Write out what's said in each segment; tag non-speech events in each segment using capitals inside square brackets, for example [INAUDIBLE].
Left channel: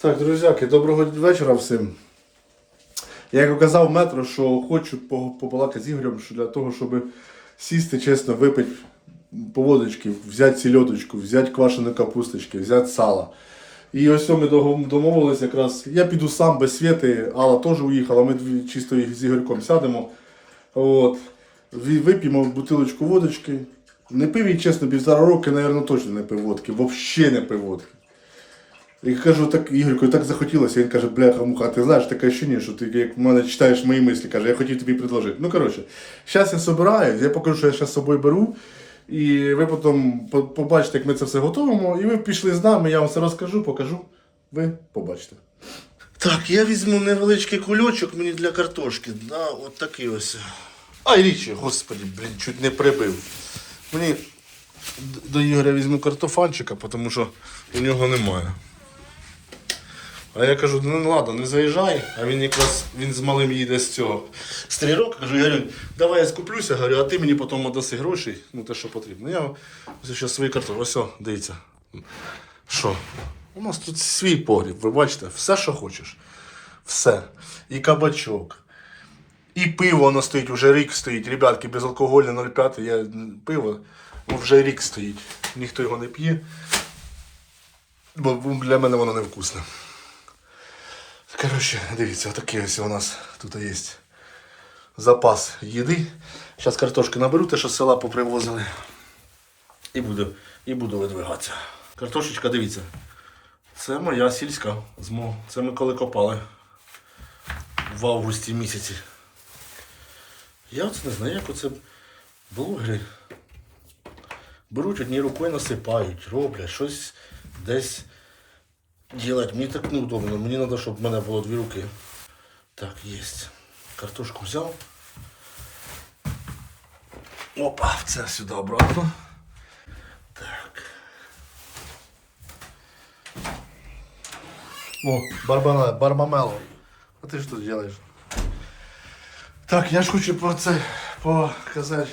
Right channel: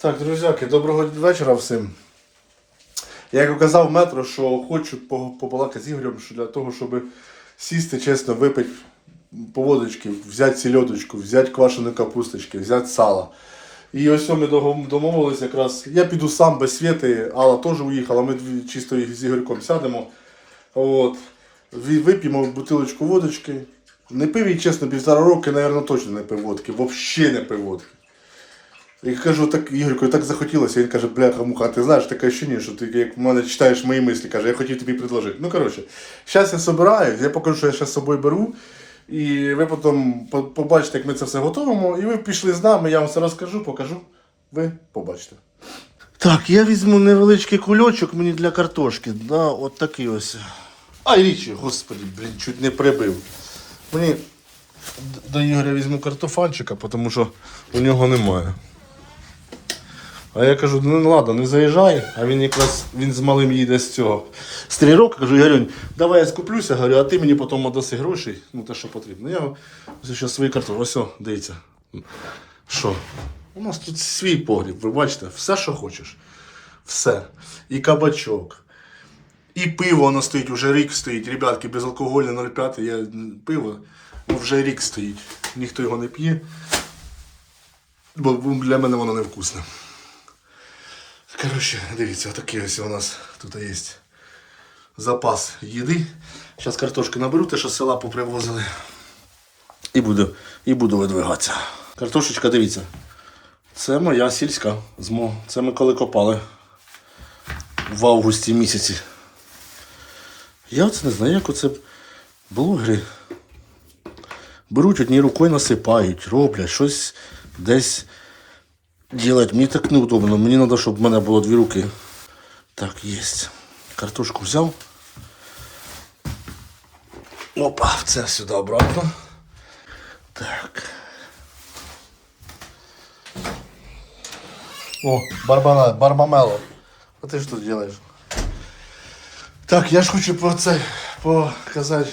Так, друзяки, доброго вечора всім. Я як казав метро, що хочу по- побалакати з Ігорем, що для того, щоб сісти, чесно, випити по водочки, взяти сільодочку, взяти квашеної капусточки, взяти сала. І ось ми домовились якраз. Я піду сам без світи, Алла теж уїхала, ми чисто з Ігорьком сядемо. От. Вип'ємо бутилочку водочки. Не пив її, чесно, півтора роки, мабуть, точно не пив водки. Взагалі не пив водки. І кажу, так Ігорку, так захотілося. Він каже, бляха муха, ти знаєш таке ощущення, що ти як в мене читаєш мої мислі, каже, я хотів тобі предложити. Ну коротше, зараз я собираюсь, я покажу, що я зараз з собою беру. І ви потім побачите, як ми це все готуємо. І ви пішли з нами, я вам все розкажу, покажу. Ви побачите. Так, я візьму невеличкий кульочок мені для картошки. Да, от такий ось. Ай, річі, господи, блін, чуть не прибив. Мені до Ігоря візьму картофанчика, тому що у нього немає. А я кажу, ну ну, ладно, не заїжджай, а він якраз він з малим їде з цього. З тренировки, кажу, Ігорюнь, давай я скуплюся, говорю, а ти мені потім даси гроші, ну те, що потрібно. Я ось ще свої картофелі. Ось, дивіться. Що? У нас тут свій погріб, ви бачите, все, що хочеш. Все. І кабачок. І пиво воно стоїть, вже рік стоїть. Ребятки, безалкогольне 0,5, я пиво ну, вже рік стоїть. Ніхто його не п'є. Бо для мене воно невкусне. Коротше, дивіться, отакий ось у нас тут є запас їди. Зараз картошки наберу, те, що з села попривозили. І буду, і буду видвигатися. Картошечка, дивіться. Це моя сільська. Це ми коли копали в августі місяці. Я оце не знаю, як оце блогери беруть однією рукою насипають, роблять щось десь делать. Мені так неудобно. Мені треба, щоб в мене було дві руки. Так, є. Картошку взяв. Опа, це сюди обратно. Так. О, барбана, барбамело. А ти що тут робиш? Так, я ж хочу про це показати,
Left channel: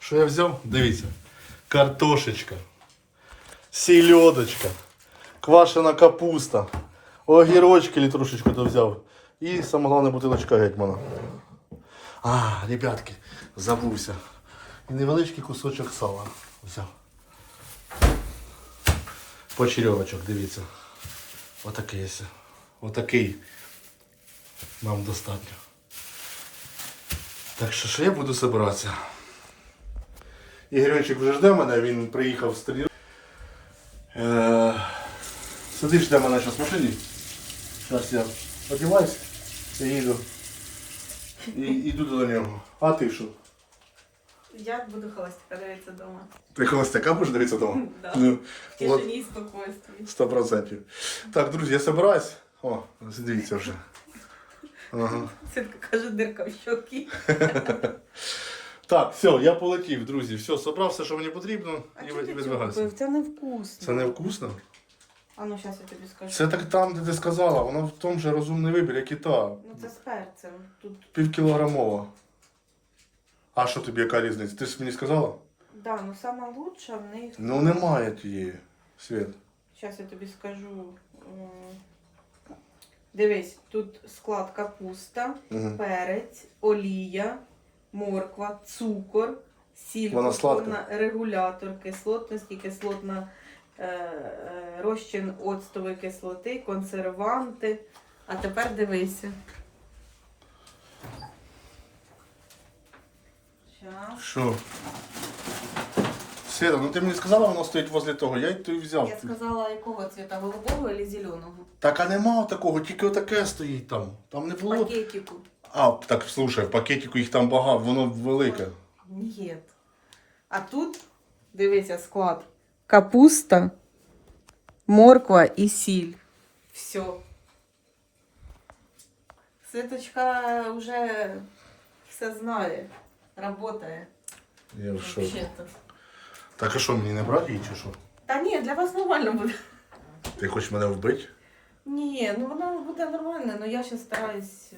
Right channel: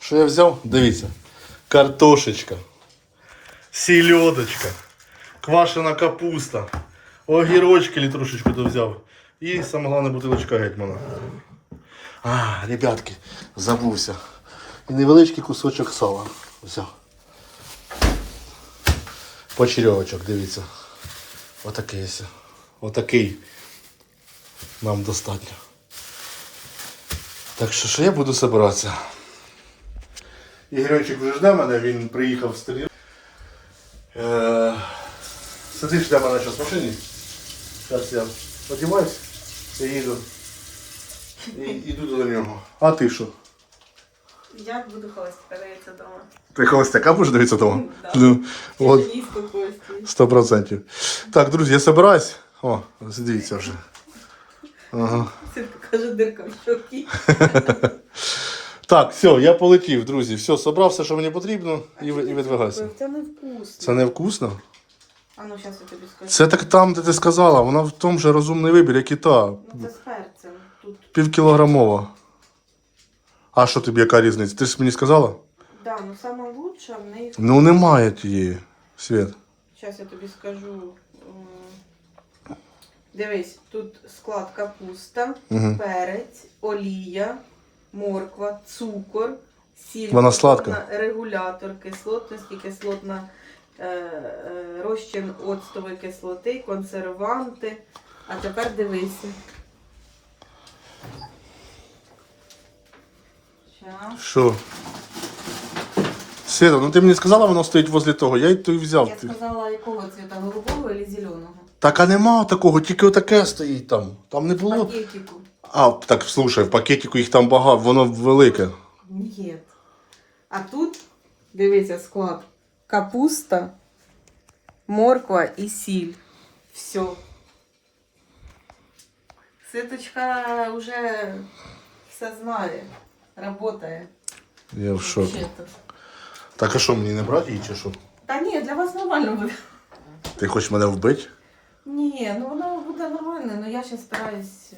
що я взяв. Дивіться. Картошечка. Сільодочка. Квашена капуста. Огірочки літрошечку то взяв. І саме головне бутилочка гетьмана. А, ребятки, забувся. І невеличкий кусочок сала взяв. Почерьовочок, дивіться. Отакий. Отакий нам достатньо. Так що, що я буду збиратися. Ігорьончик вже жде мене, він приїхав з тренування. Сидиш жде мене зараз в машині. Зараз я одіваюсь і їду. І йду до нього. А ти що? Я буду холостяка дивитися вдома. Ти холостяка будеш дивитися вдома? [LAUGHS] Да. Ну, от. Спокійстві. Сто процентів. Так, друзі, я собираюсь. О, дивіться вже. Ага. Синка каже, дирка в щокі. [LAUGHS] Так, все, я полетів, друзі. Все, собрав все, що мені потрібно, і, ви- і відвигайся. Це не вкусно. Це не вкусно? А ну зараз я тобі скажу. Це так там, де ти сказала, вона в тому же розумний вибір, як і та. Ну це з перцем. Тут, Півкілограмова. А що тобі яка різниця? Ти ж мені сказала? да, ну сама лучша в них. Ну немає тієї. Світ. Зараз я тобі скажу. Дивись, тут склад капуста, Мгм. перець, олія, морква, цукор, сіль, Вона сладка? регулятор кислотності, кислотна е, е, розчин оцтової кислоти, консерванти. А тепер дивися. Щас. Що? Світа, ну ти мені сказала, воно стоїть возле того, я й то й взяв. Я сказала, якого цвіта? Голубого чи зеленого? Так, а нема такого, тільки отаке стоїть там. Там не було. Пакетику. А, так слушай, в пакетику їх там багато, воно велике. Ні. А тут, дивися, склад. Капуста, морква і сіль. Все. Ситочка вже все знає. Работає. Я в шокі. Вообще-то. Так а що, мені не брати її чи що? Та ні, для вас нормально буде. Ти хочеш мене вбити? Ні, ну воно буде нормально, але я ще стараюсь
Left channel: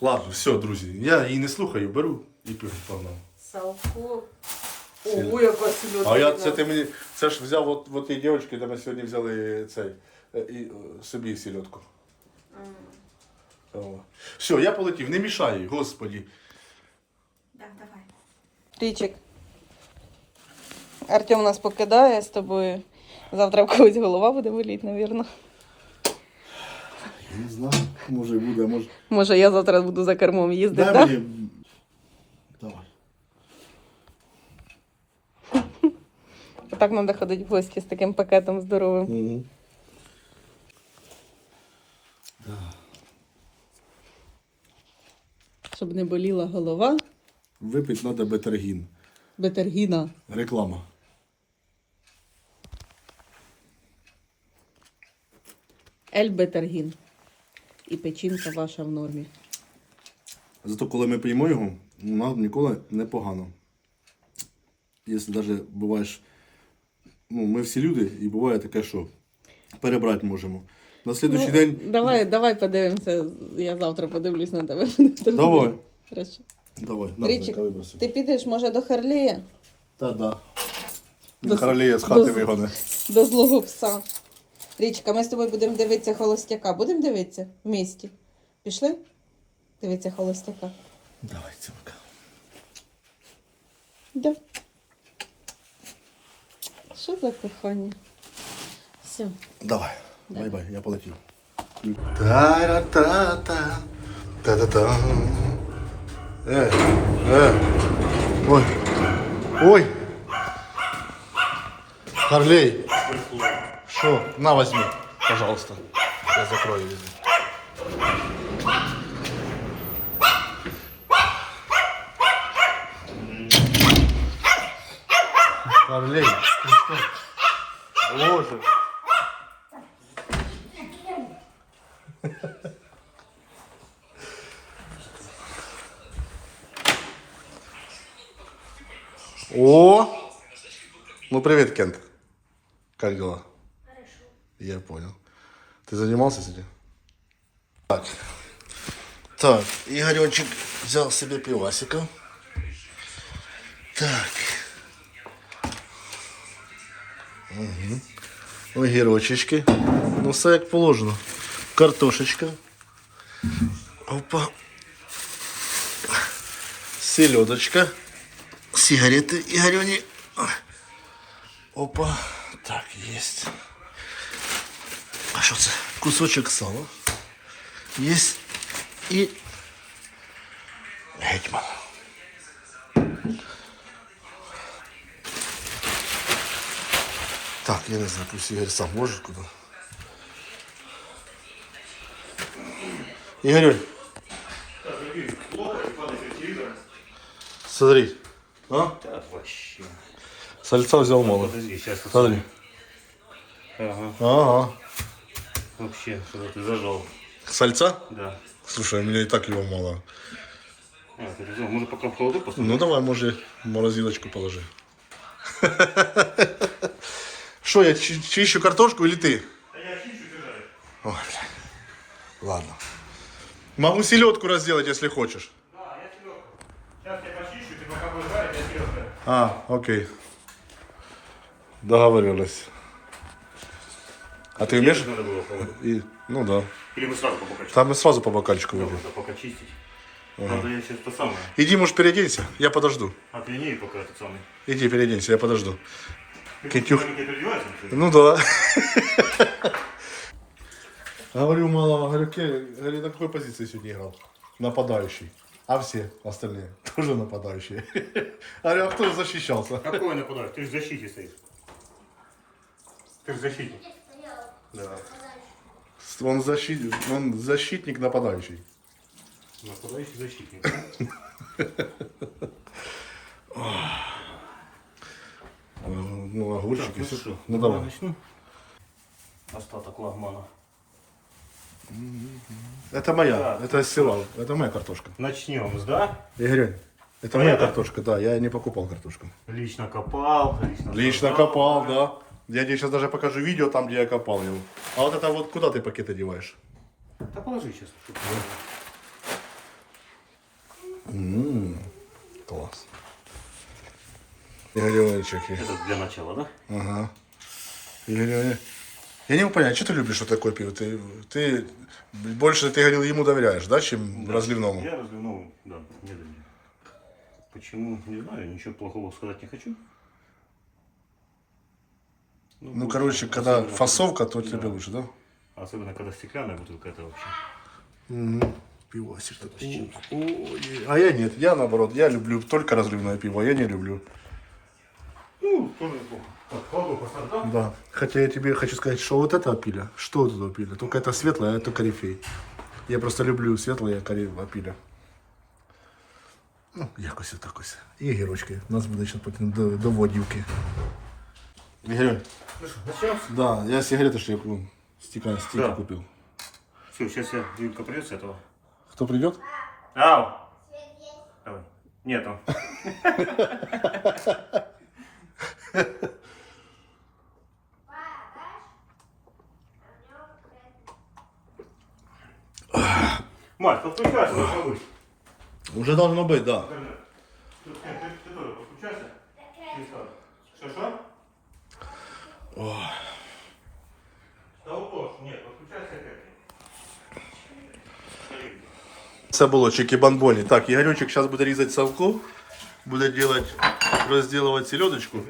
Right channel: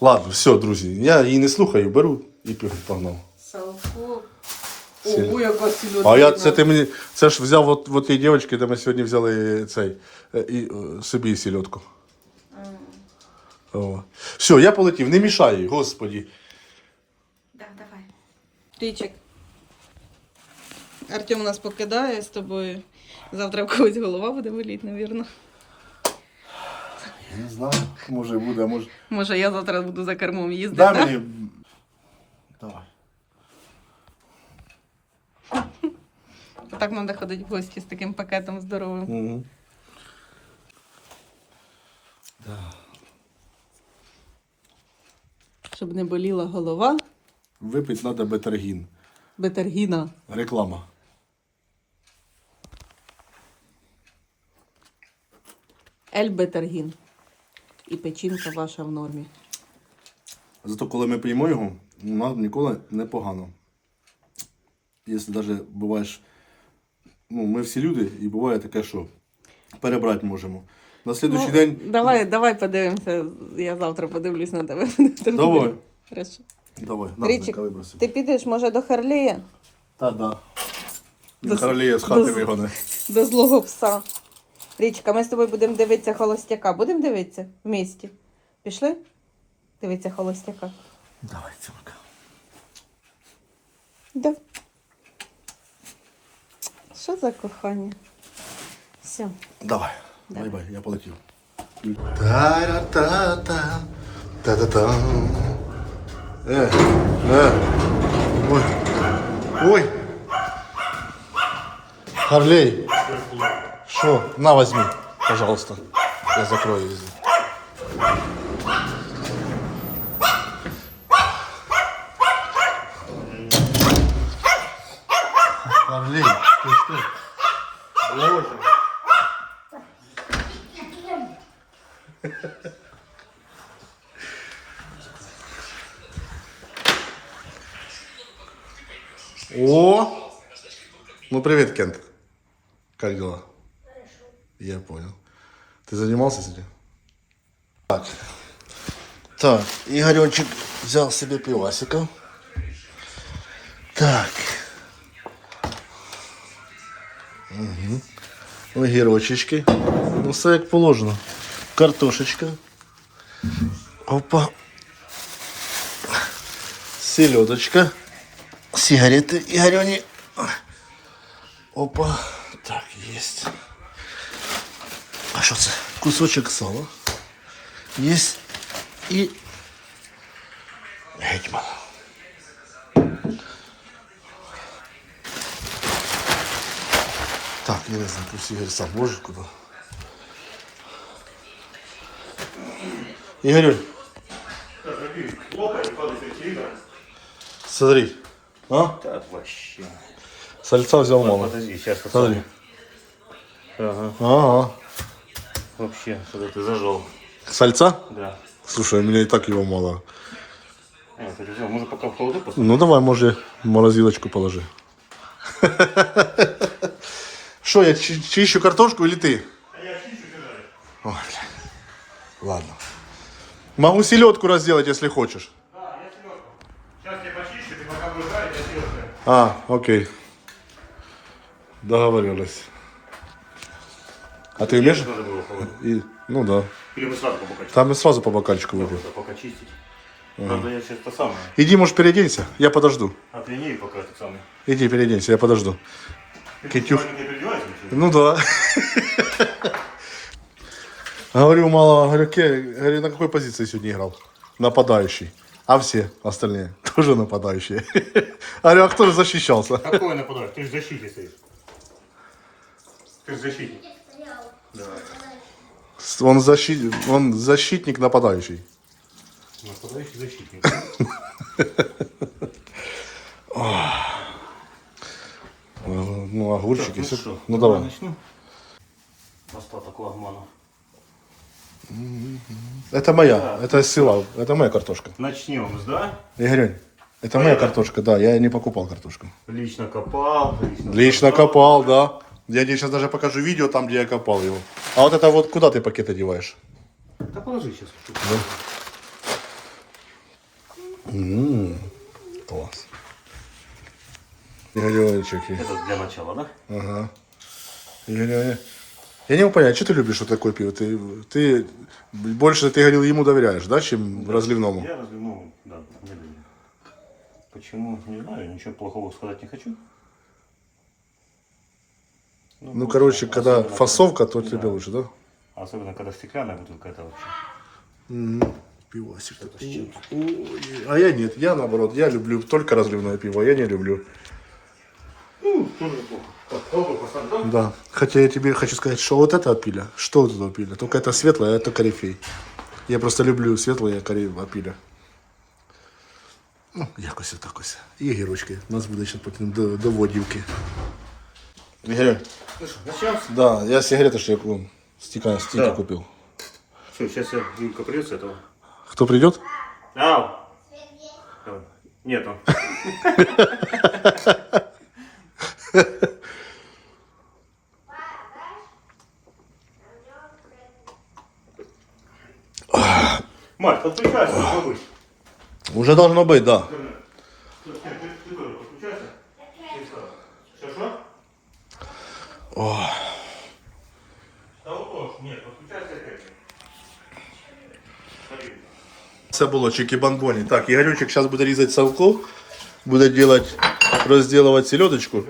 Ладно, все, друзі, я її не слухаю, беру і погнав. салку. Ого, яка. А я це ти мені. Це ж взяв от, от тієї дівчинки, де ми сьогодні взяли цей е, і, е, собі сільотку. О. Все, я полетів, не мішай, господі. Да, давай. Річик. Артем нас покидає з тобою. Завтра в когось голова буде боліти, навірно. Я не знаю, може буде, може. Може, я завтра буду за кермом їздити. Дай да? мені. Давай. Так треба ходити в гості з таким пакетом здоровим. Угу. Щоб не боліла голова. Випити треба бетергін. Бетергіна. Реклама. Ель бетергін. І печінка ваша в нормі. Зато коли ми п'ємо його, нам ніколи не погано. Якщо навіть буваєш, ну, ми всі люди, і буває таке, що перебрати можемо. На слідуючий день. Ну, Давай, давай подивимося. Я завтра подивлюсь на тебе. Давай. Хорошо. Давай, Річик. Ти підеш, може, до Харлея? Та да. До- Королея з хати вигоне. До злого пса. Річка, ми з тобою будемо дивитися холостяка. Будемо дивитися в місті. Пішли? Дивитися холостяка. Давай, цілка. Да. Що за кохання? Все. Давай. Бай-бай, я полетів. Та-ра-та-та. Та-та-та. Е, е. Ой. Ой. Харлей. Что? На, возьми, пожалуйста. Я закрою везде. Харлей, ты что? Боже. О! Ну, привет, Кент. Как дела? Я понял. Ты занимался сегодня? Так. Так, Игоречек взял себе пивасика. Так. Угу. Огірочечки. Ну, все як положено. Картошечка. Опа. Селедочка. Сигареты Игорёни. Опа. Так, есть. А що це? Кусочок сала. Есть. І гетьман. Так, я не знаю, пусть Игорь сам может куда. Игорь. Смотри. А? Да, вообще. Сальца взял мало. Подожди, сейчас Смотри. Ага. Ага. Вообще, что ты зажил. Сальца? Да. Слушай, у меня и так его мало. А, взял. Может, пока в холоду поставить? Ну давай, може, в морозилочку положи. Что, я чи- чищу картошку или ты? Ой, бля. Ладно. Могу селедку разделать, если хочешь. Сейчас я почищу, ты пока будешь жарить, я съешь. А, окей. Договорились. А ты умеешь? Надо было. И, ну да. Или мы сразу по бокальчику? Там и сразу по бокальчику. Просто пока чистить. Надо я сейчас то самое. Иди, может, переоденься, я подожду. А ты не пока этот самый. Иди, переоденься, я подожду. Ты не переодевайся ничего? Ну да. [LAUGHS] Говорю, мало, говорю, Ке- говорю, на какой позиции сегодня играл? Нападающий. А все остальные тоже нападающие. [LAUGHS] Говорю, а кто же защищался? Какой нападаешь? Ты же в защите стоишь. Ты же защитник. Да. Он, защит... он защитник нападающий. Нападающий защитник. [LAUGHS] Ну, огурчики, все. что, Ну давай. Остаток лагмана. Это моя, Да. это из села, это моя картошка. Начнем да? Игорь, это моя картошка, да, я не покупал картошку. Лично копал. Лично, Лично копал, да. Я тебе сейчас даже покажу видео там, где я копал его. А вот это вот куда ты пакет одеваешь? Да положи сейчас. М, Класс. Игоречек. Это для начала, да? Ага. Игорь, Я не могу понять, что ты любишь вот такое пиво? Ты, ты больше, ты говорил, ему доверяешь, да, чем разливному? Я разливному, да, не доверяю. Почему, не знаю, ничего плохого сказать не хочу. Ну, короче, когда особенно фасовка, то да. тебе лучше, да? Особенно, когда стеклянная бутылка, это вообще. Пивасик. А я нет, я наоборот, я люблю только разливное пиво, я не люблю. Ну, тоже неплохо. Да. Хотя я тебе хочу сказать, что вот это опиля, что вот это опиля, только это светлое, а это корифей. Я просто люблю світле корі... опіля. Ну, якось отак ось. І гірочки. У нас буде ще потім до, до водівки. Ігорь, Начнем? да, я сигарети ще яку стіка, стільки Да. купив. Все, сейчас я Юлька придет с этого. Хто прийде? Ау! Ау. Нету. [LAUGHS] Мать, подключайся, должно быть. Уже должно бути, да. Це було чики-бамбоні. Так, Ігорючик зараз буде різати салку, буде делать, розділувати селедочку.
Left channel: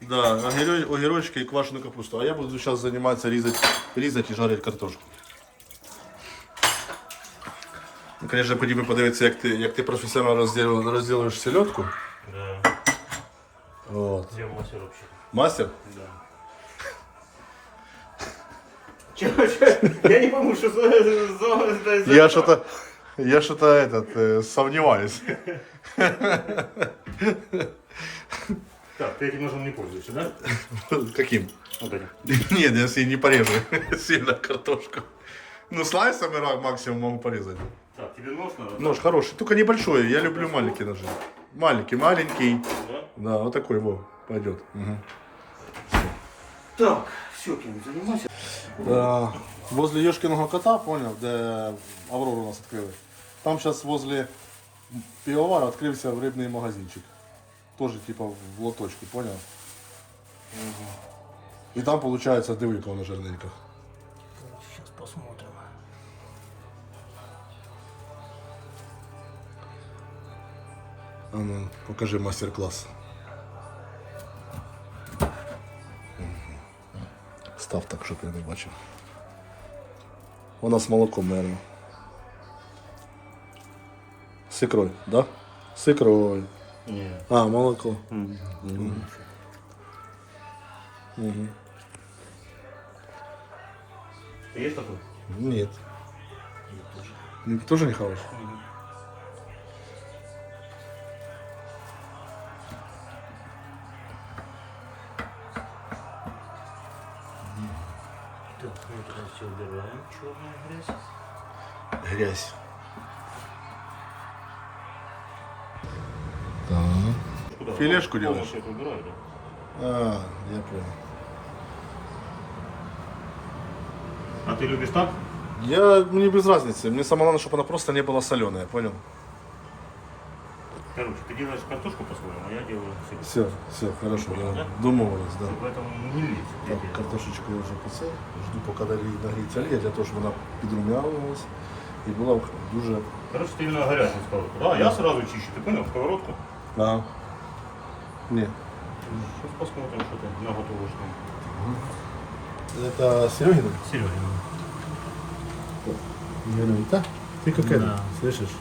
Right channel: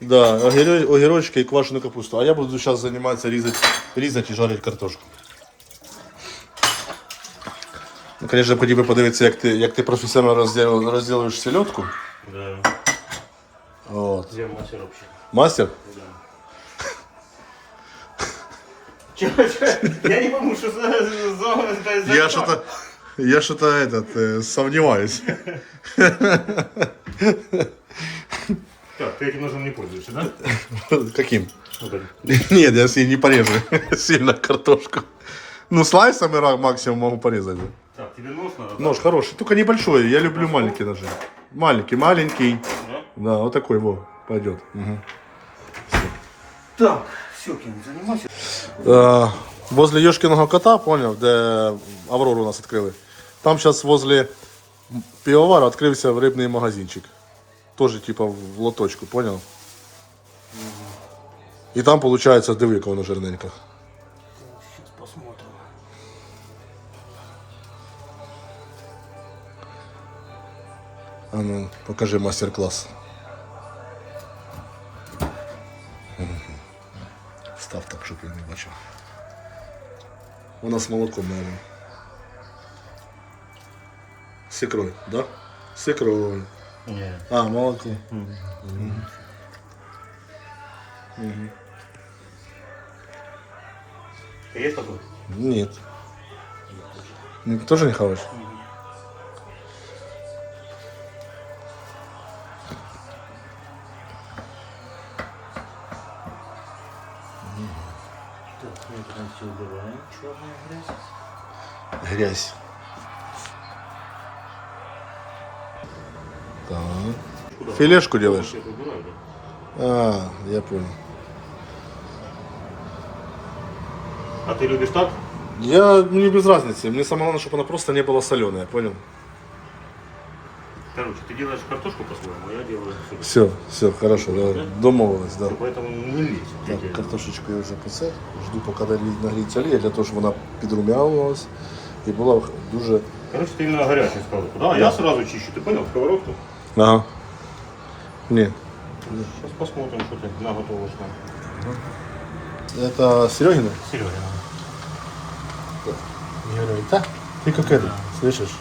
Да, огіро- огірочки і квашену капусту. А я буду зараз займатися різати, різати і жарити картошку. Ну, звісно, хотів би подивитися, як ти, як ти професіонально розділ- розділуєш селедку. Да. От. Где мастер вообще? Мастер? Да. Я не пойму, что за... за, за, за Я что-то, я что-то этот, э, сомневаюсь. Так, ты этим ножом не пользуешься, да? Каким? Вот этим. Нет, я себе не порежу [LAUGHS] сильно картошку. Ну, слайсами ра- максимум могу порезать. Так, тебе нож надо? Нож хороший, только небольшой. Я люблю маленькие ножи. Маленький, маленький. Да? Да, вот такой вот пойдет. Так, все, кем занимайся. Возле Ёшкиного кота, понял, где Аврору у нас открыли. Там сейчас возле пивовара открылся рыбный магазинчик. Тоже типа в лоточку, понял? И там получается дивика воно жирненько. Сейчас посмотрим. А ну, покажи мастер-класс. Став так, щоб я не бачив. У нас молоко, наверное. С икрой, да? С икрой. Не. А, молоко. Есть такой? Нет. Ты тоже не хаваешь? Так, мы все убираем. Черная грязь. Грязь. Филешку делаешь? Полностью это убираю, да? А, я понял. А ты любишь так? Я, мне без разницы. Мне самое главное, чтобы она просто не была соленая, понял? Короче, ты делаешь картошку по-своему, а я делаю все. Все, все, хорошо, да. Домовились, да. Поэтому не лезь. Так, картошечку я вже по це. Жду, поки далі нагріється олія, для того, щоб вона підрум'явилась і була дуже. Короче, ты именно горячую сковородку. Да, я сразу чищу. Ты понял, сковородку? Ага. Ні. Сейчас посмотрим, что ты наготовишь нам. Это Серегина? Серега. Я говорю, да? Ты как это, слышишь?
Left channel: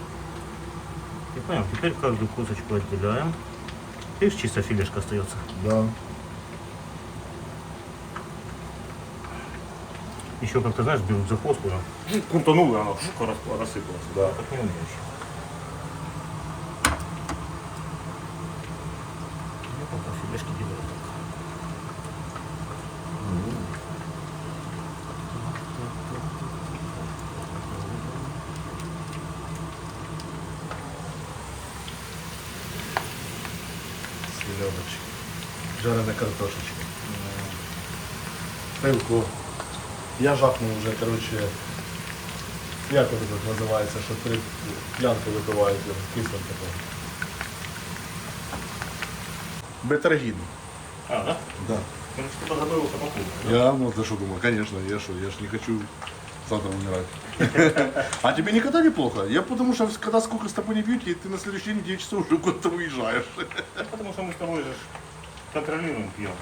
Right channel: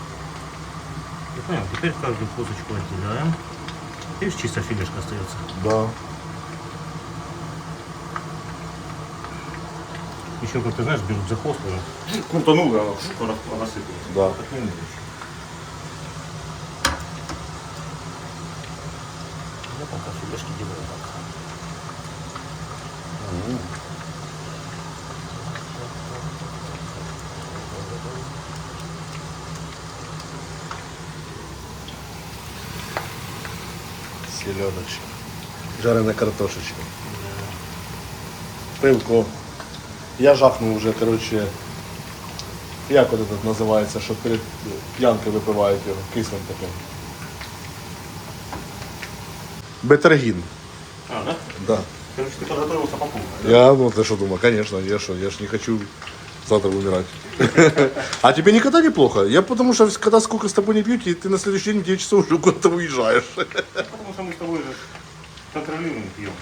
И понял, теперь каждую косточку отделяем. Видишь, чисто филешка остается. Да. Еще, как ты знаешь, берут за хвост, прям. Крутанул, и она шука рассыпалась. Да. Так не умеешь. Я пока филешки делаю так. Селедочка. Жарена картошечка. Пивко. Я жахнув вже, коротше. Як от тут називається, що перед п'янкою випивають його, кислим таким. Бетергін. А, да? Да. Короче, ты подготовился. Я, ну ты что думал, конечно, я что, я ж не хочу завтра умирать. [LAUGHS] А тебе никогда не плохо? Я потому что когда сколько с тобой не пью, и ты на следующий день 9 часов уже куда-то уезжаешь. Потому что мы с тобой же контролируем пьем.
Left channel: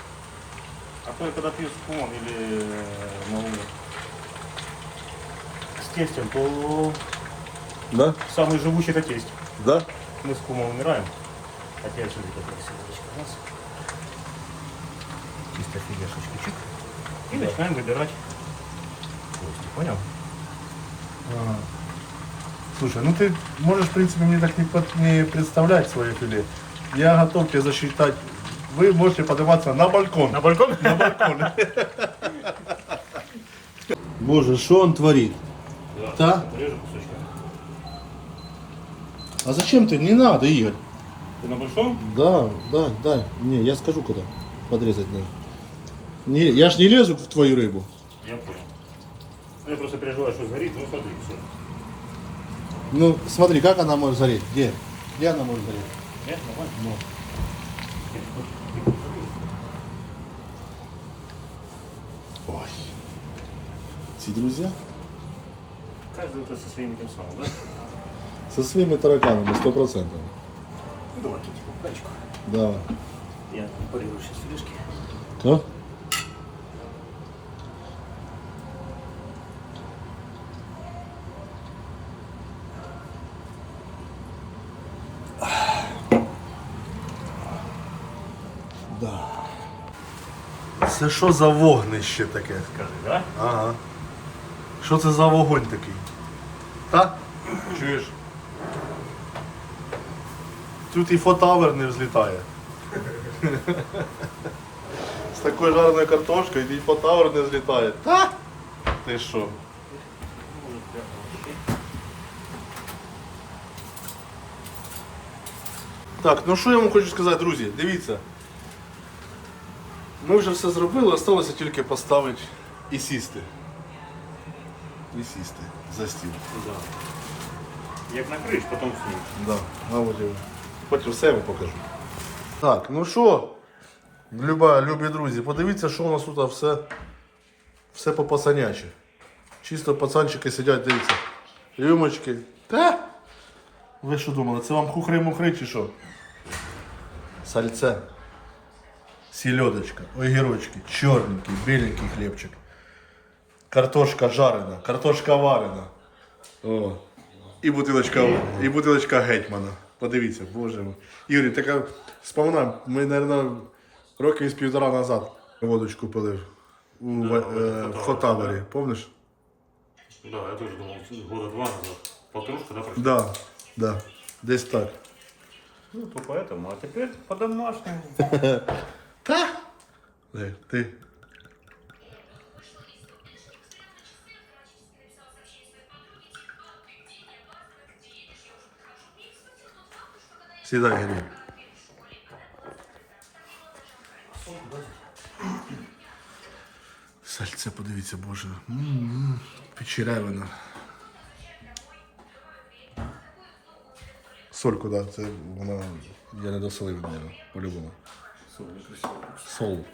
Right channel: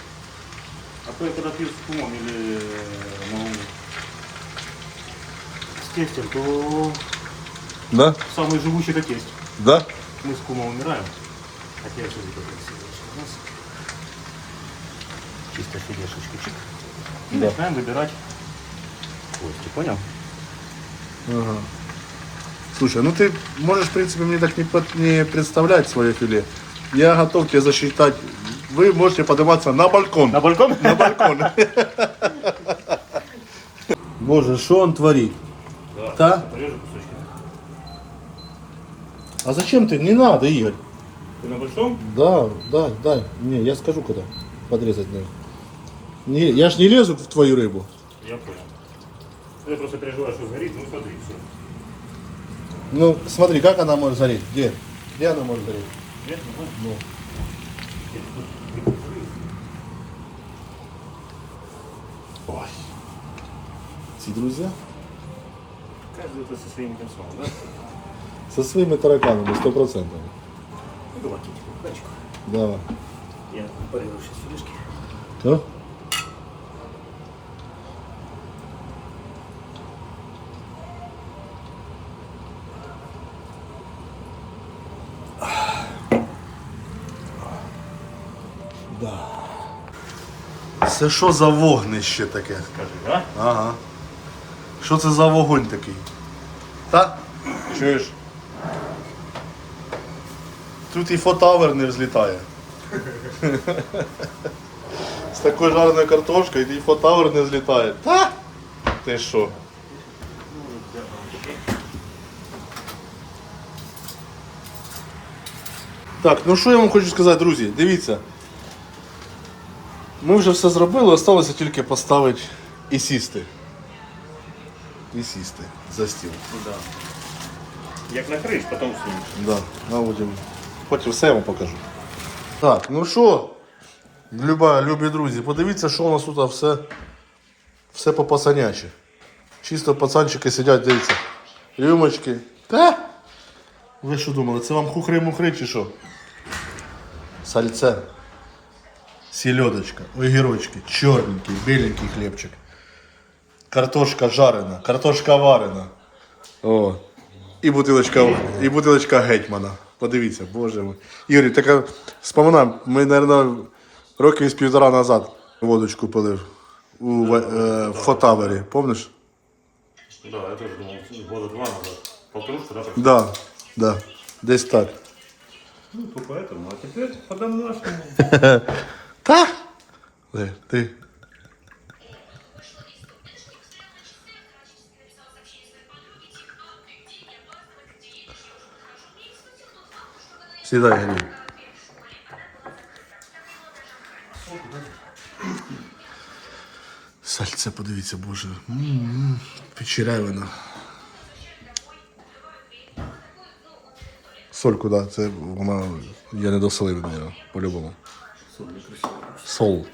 А то я когда пью с кумом или ну, с тестем, то Да? самый живучий это тесть. Да? Мы с кумом умираем. Хотя я раз у нас. Чисто филешечки чик. И Да. начинаем выбирать кости, понял? Ага. Слушай, ну ты можешь, в принципе, мне так не, под- не представлять свое филе. Я готов тебе засчитать. Вы можете подниматься на балкон. На балкон? На балкон. [LAUGHS] Боже, что он творит? Да? Кусочки. А зачем ты? Не надо, Игорь. На большом? Да, да, да. Не, я скажу, куда подрезать надо. Не, я ж не лезу в твою рыбу. Я понял. Я просто переживаю, что сгорит, ну смотри, все. Ну, смотри, как она может гореть? Где? Где она может гореть? Нет, нормально? Ну. Ой. Ці друзья? Каждый это со своим этим самым, да? Со своими тараканами, сто процентов. Давай, тетику, качку. Да. Я порежу сейчас филешки. Что? Да. Це що за вогнище таке? Скажи, да? Ага. Що це за вогонь такий? Та? Чуєш? Тут і фотавер не взлітає. З такою жареною картошкою і фотавер не злітає. Та? Ти що? Так, ну що я вам хочу сказати, друзі, дивіться. Ми вже все зробили, залишилося тільки поставити і сісти. І сісти за стіл. Як накриєш, потім снімеш. Да, а потім, потім все я вам покажу. Так, ну що, люба, любі друзі, подивіться, що у нас тут все, все по пацанячі. Чисто пацанчики сидять, дивіться. Рюмочки. Та? Ви що думали, це вам хухри-мухри чи що? Сальце. Сільодочка, огірочки, чорненький, біленький хлібчик. Картошка жарена, картошка варена. О. І бутилочка, і бутилочка гетьмана. Подивіться, боже мой. Юрій, така споминаємо, ми, мабуть, років з півтора назад водочку пилив у е, в Фотавері, помниш? Да, я тоже думал, года два назад. Полторушка, да, прошла? Да, да. Десь так. Ну, то поэтому, а теперь по-домашнему. Та? Де, ти. Сідай, Грій. Сальце, подивіться, боже. М-м-м. Печерявина. Соль куди? Це вона. Я не досолив до нього, по-любому. Сол.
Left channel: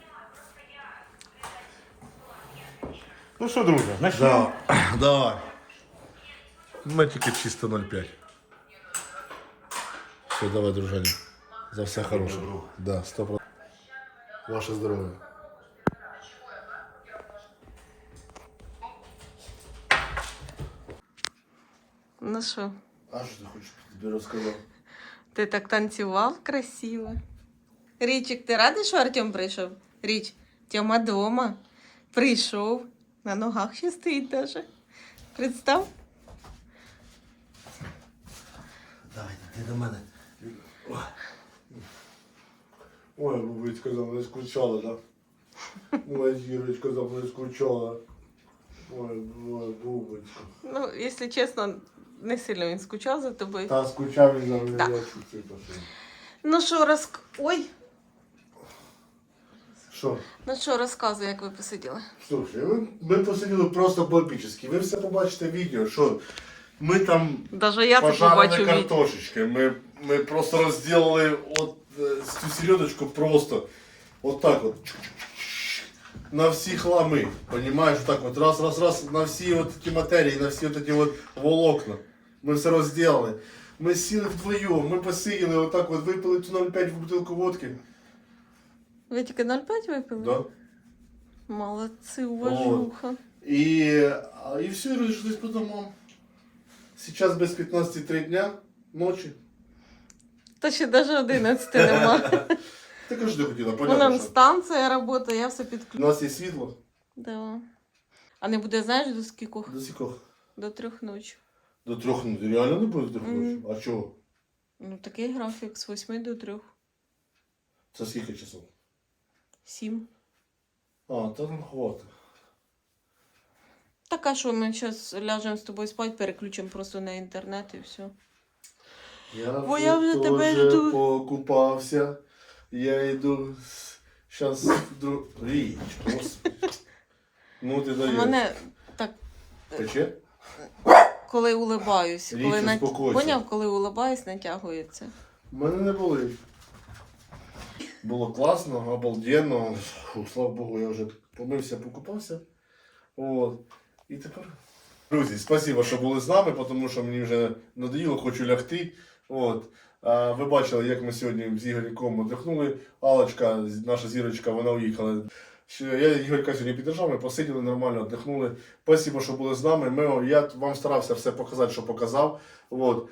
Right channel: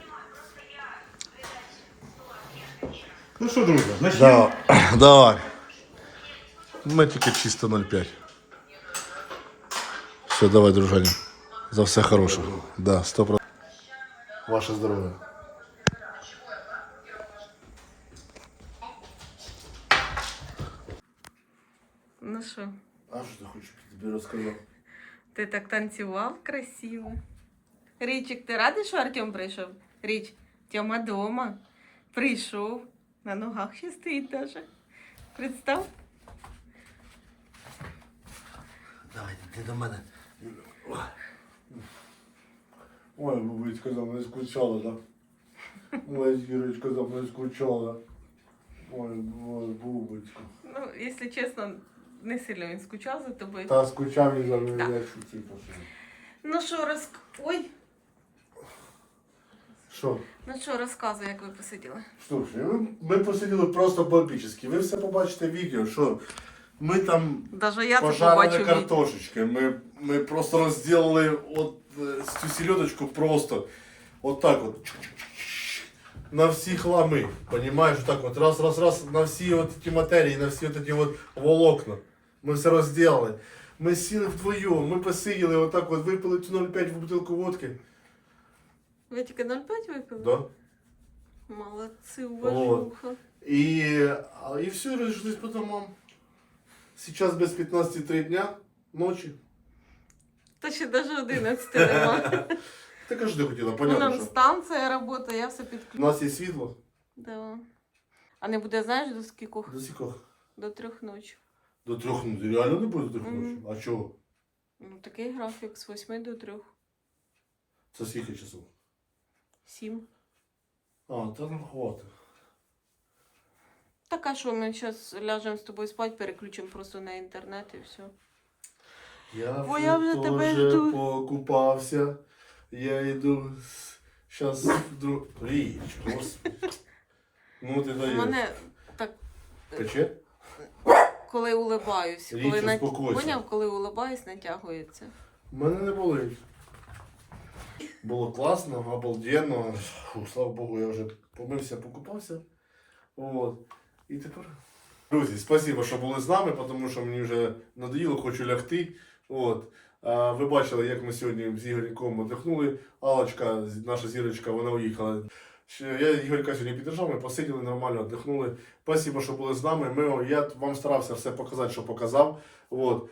Ну что, друзья, начнем. Да, [CLEARS THROAT] давай. Ми тільки чисто 0,5. Все, давай, дружані. За все хороше. Да, 100%. Ваше здоров'я. Ну що, А що ти хочеш тобі розказати? ти так танцював красиво. Річик, ти радий, що Артем прийшов? Річ, Тьома дома. Прийшов. На ногах ще стоїть даже. Представ? Давай, ти до мене. Ой, бабуська за мною скучала, да? Ой, Юрочка за мною скучала. Ой, ой, бубочка. Ну, якщо чесно, не сильно він скучав за тобою. Та скучав він за мною, Так. я чуть-чуть пошел. Ну що, розк... Ой, Що? ну що, розказуй, як ви посиділи. Слушай, ви- ми посиділи просто бомбічно. Ви все побачите в відео, що ми там Даже я це пожарили побачу відео. картошечки. Ми, ми просто розділили от, е, цю сільодочку просто от так от. Чук-чук-чук. на всі хлами. Понимаєш, так от раз, раз, раз, на всі от ті матерії, на всі от ті от волокна. Ми все розділили. Ми сіли вдвоєм, ми посиділи, отак от випили цю 0,5 в бутилку водки. Ви тільки 0,5 випили? Да? Молодці, уважуха. І, а, і все, розійшлись по домам. Сейчас без 15.3 дня ночі. Та ще навіть 11 нема. [LAUGHS] Ти кажеш, хотіла, У понятно, нас що. станція працює, я все У підключу. нас є світло. Да. А не буде, знаєш, до скількох? До сікох. До трьох ночі. До трьох, ну реально не буде до трьох Мгм. ночі. А чого? Ну, такий графік з 8 до 3. Це скільки часов? 7. А, та ну хватить. Так, а що ми зараз ляжемо з тобою спати, переключимо просто на інтернет і все. Я Бо я вже тебе жду. покупався. Я йду. Щас друг. Річ, господи. Ну ти даєш. мене так, Пече? коли улибаюсь, Річ, коли на... успокойся. поняв, коли улибаюсь, натягується. У мене не болить. Було класно, обалденно. Фу, слава Богу, я вже помився, покупався. От. І тепер. Друзі, спасибо, що були з нами, тому що мені вже надоїло, хочу лягти. От. А, ви бачили, як ми сьогодні з Ігорьком віддихнули. Алочка, наша зірочка, вона уїхала. Я Ігорька сьогодні підтримав, ми посиділи нормально, віддихнули. Спасибо, що були з нами. Ми, я вам старався все показати, що показав. От.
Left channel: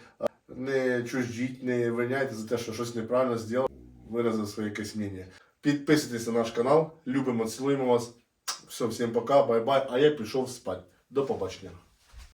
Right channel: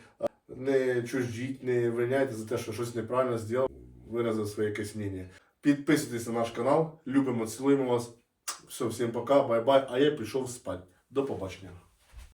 Не чуждіть, не виняйте за те, що щось неправильно зробив, виразив своє якесь мнення. Підписуйтесь на наш канал, любимо, цілуємо вас. Все, всім пока, бай-бай. А я пішов спати. До побачення.